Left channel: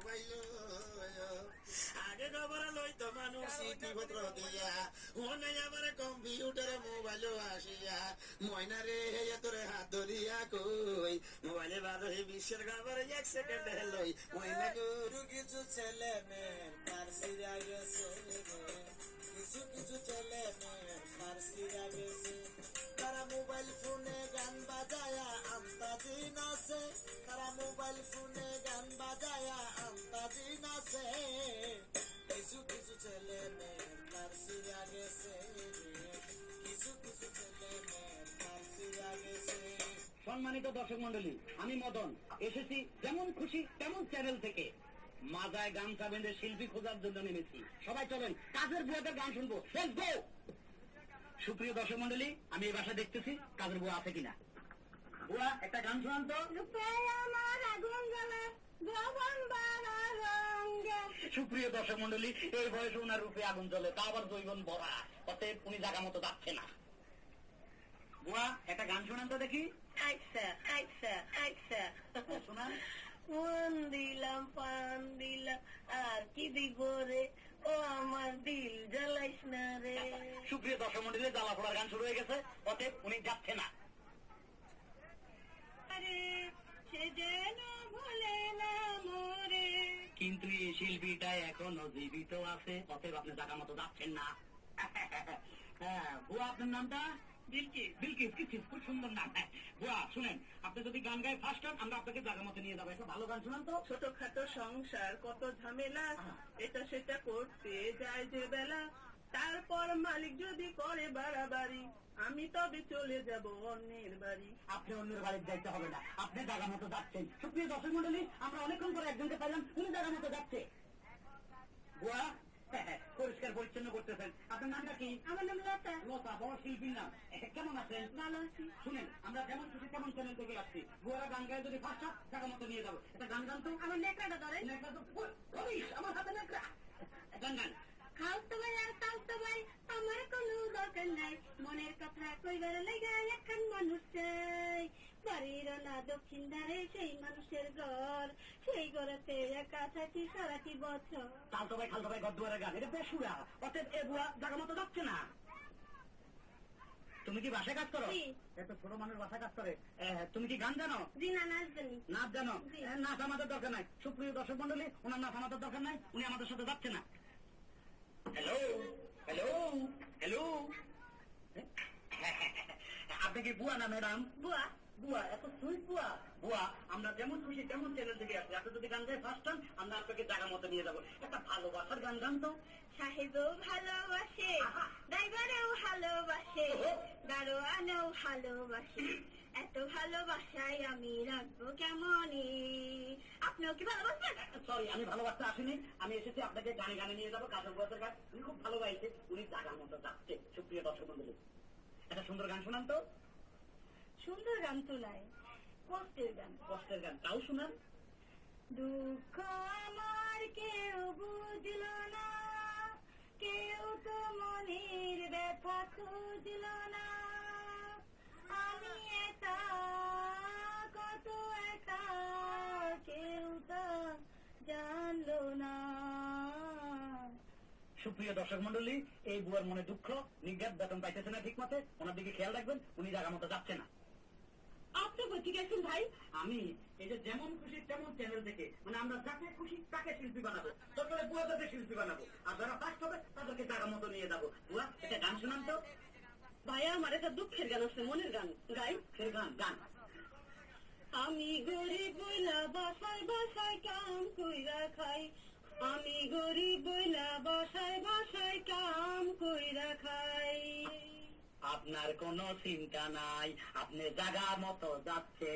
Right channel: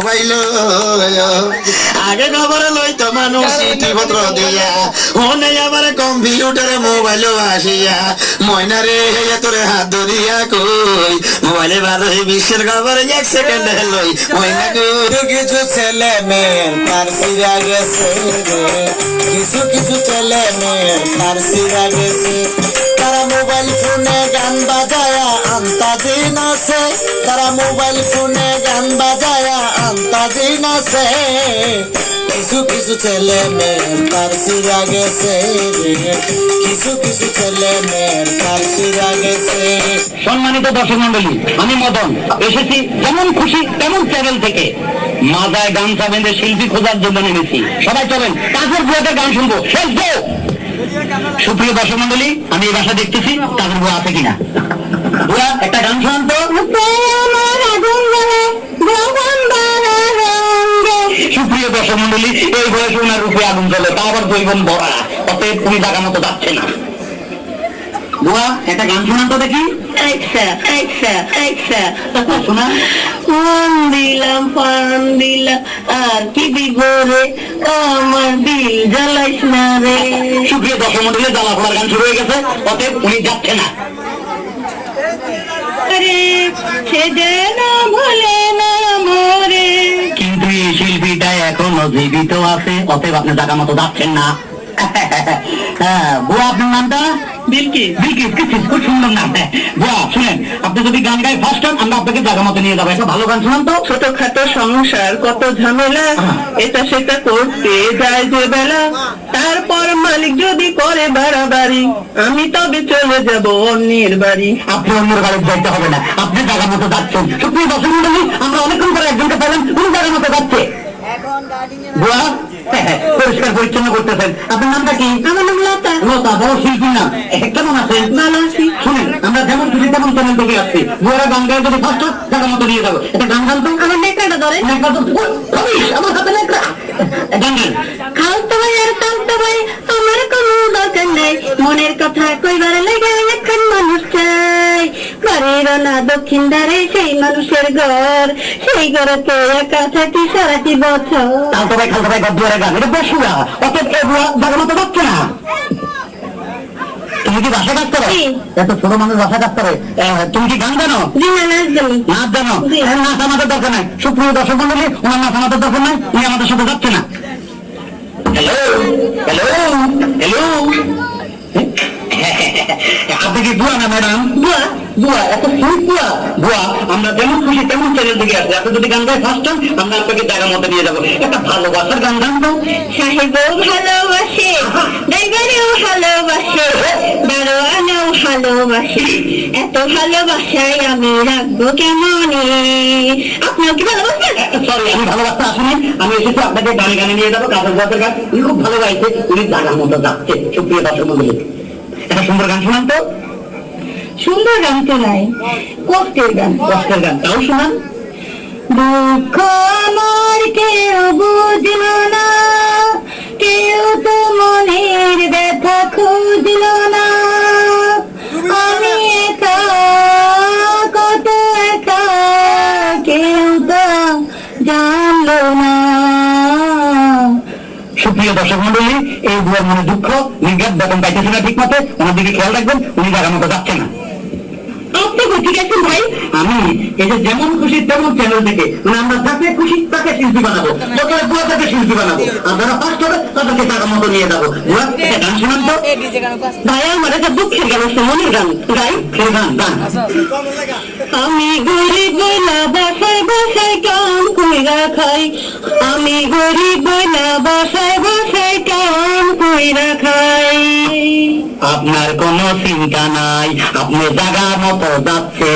Mobile আগে খবর লইতো মানুষ চিঠি পত্র দিয়া হনে আবার কম্পিউটারে মোবাইল আসিয়া ময়নারে তোরে হাত ধরিয়া কই মোবাইলে ভালো বিশ্বের খবর 1 সেকেন্ডে লই ময়না কিছু ছেলে মেয়ে তার সিরা গেছে কিছু ছেলে মেয়ে তার সিরা গেছে তারা মোবাইল ফোনে গান বাজায়া আন্তাদিন আছে তারা মোবাইল ফোনে গান বাজায়া আন্তাদিন আছে কিছু ছেলে মেয়ের তার সিরা গেছে কিছু ছেলে মেয়ের তার সিরা গেছে। সম্মানিত দর্শক মন্ডলী, আমি মদন এসেছি যেমন খুশি তেমন চ্যানেল থেকে মাজায় গামছা বেঁধে শিল্পী খোঁজার জন্য নেমেছি। সবাই চলেন কাজের বুয়াতে গান শুনবো। সুপ্রিয় দর্শক মন্ডলী, আমি এই বাসা দেখতেছি কাজের বুয়া আছে কিনা। বুয়া একটা গান শোনান তো। সুপ্রিয় দর্শক মন্ডলী, এই বয়সে ওনার রূপে আগুন জ্বলে, তা আবার জৈবন ভরা, অতএব তুমি জায়গা মতো যাচ্ছে না। বুয়া একটা গান শোনান তো দেখি। শোনা দিলাম পান দিলাম আর কি বিগরে আমার দিল জ্বালাইস না রে। সুপ্রিয় দর্শক মন্ডলী, জ্বালা ফোড়ার গান শুরু হয়ে গেছে, অতএব উনি যাচ্ছে না। সে যেন ভুলে না মোরে। কিন্তু এই শিল্পীটা এখনো জীবিত আছে, অতএব আপনি জায়গা মতো যাচ্ছেন না। হ্যাঁ বুয়া, আপনার নামটা? বিলকিস। বিলকিস, খুব সুন্দর নাম। বুয়া শুনেন, আপনি যদি গান গাই ফার্স্ট টাইম, আমরা আপনাকে জায়গা মতো নিয়ে যাবো। একটা ভালো গান শোনান তো। ছোটখাটো সংসার কত ঝামেলা, এটা সেটা করতে যায় যে বেলা, তারপর মালিক যদি করে বাড়াবাড়ি আমি তবে চলে যাব অন্যের বাড়ি। আপনি অন্যের বাড়ি যাইতে হবে না, আপনি জায়গা মতো যাচ্ছেন। সুপ্রিয় দর্শক মন্ডলী, আমরা অনেকক্ষণ পরে একজনকে পেলাম, কোন জায়গা মতো যাচ্ছে। বুয়া পরিষ্কার পরিচ্ছন্ন করতেছেন, আপনার নামটা কি? আমার নাম লতা। লতা, বড় শিল্পীর নাম। কেমন আছেন? ভালো আছি। শুনেন, আমরা যেমন খুশি তেমন চ্যানেল থেকে আসছি। বুয়ারা গান গায়ে যদি ফার্স্ট জায়গা মতো নিয়ে যাবো। একটা গান গান তো। আমার নেকড়াটা ধরে। আমার হাতে নেকড়া। গান গান। খালতো ভাই আর তালতো ভাই আমার কোনো দরকার নাই, মনের কথা কইবার লাগে এখন মানুষ চাই। বাড়ির না দক্ষিণ ধারে সেই মানুষের ঘর, সেই ঘরেতে একা থাকি সারাটি বছর। তালতো ভাই খালতো ভাই গদ্দুয়ারে গান, এটা বসুয়া। অতএব এ বুয়া জায়গা মতো যাচ্ছে না। তুমি কি বাসা কাজ করো? এত ছোট মানুষ বাসা কাজ করে। তুমি কি গান জানো? জি না, নাচ জানি। নাচ জানো? নাচ আমাদের দরকার নাই। সুপ্রিয় দর্শক মন্ডলী, ওনার নাচ আমাদের দরকার নাই, উনি আমাদের সাথে যাচ্ছে না। হ্যালো হ্যালো হ্যালো, আপনি কি বুয়া না ম্যাডাম? বুয়া। বুয়া, এত সুইট বুয়া। বুয়া, আমরা যেমন খুশি তেমন চ্যানেল থেকে আসছি। আপনি যদি গান গাই ফার্স্ট টাইম, আমরা আপনাকে জায়গা মতো নিয়ে যাবো। একটা ভালোবাসার গান গান তো। সাহেবও ভালোবাসে, ড্রাইভারেও ভালোবাসে, দারোয়ানেও ভালোবাসে, এত ভালোবাসায় আমি রাখবো কেমনে। আপনিও কি ভালোবাসেন? সরি, আমি ভালোবাসতে আসিনি, আমি এসেছি আপনাকে গানে গানে নিয়ে যাবো। কাজের বাজার গান উনি খুব ভালো গাইছে, উনি জায়গার মতো যাচ্ছে। সুপ্রিয় দর্শক মন্ডলী, একটা সুন্দর গান শোনান তো। সুন্দর গান তো নাই, কষ্টের গান। কষ্টের গান তাও শোনান। দুঃখ আমার কেউ বুঝল না, কেউ তো মনের ব্যথা খুঁজল না, আমি একা কত একা, কেউ তো জানলো না। সুপ্রিয় দর্শক মন্ডলী, এই বুয়ার মনে দুঃখ, নির্ঘাত বেতন পাইতেছে না ঠিক মতো, ওনার দিকে খেয়াল রাখবেন, উনি জায়গা মতো যাচ্ছে না। আপনি ঠিক আছেন ভাই? আমি এই যে যেমন খুশি তেমন চ্যানেল থেকে, মানে আমরা যাকে খুশি তাকে শিল্পী বানাবো, যত বুয়া তাকে শিল্পী বানাবো, আর যারা ফার্স্ট হবে তাদেরকে জায়গা মতো নিয়ে যাবো। বুয়া একটা গান শোনান তো। ভাই আমার একটা দুঃখের গান আছে, মনের গান গাই। সেই গান গান। আমি গরিব বইলা বাসায় বাসায় কাম কইরা খাই, আমি গরিব বইলা বাসায় বাসায় কাম কইরা খাই। আপনার কোনো চিন্তা নাই, আপনি জায়গা মতো যাচ্ছে।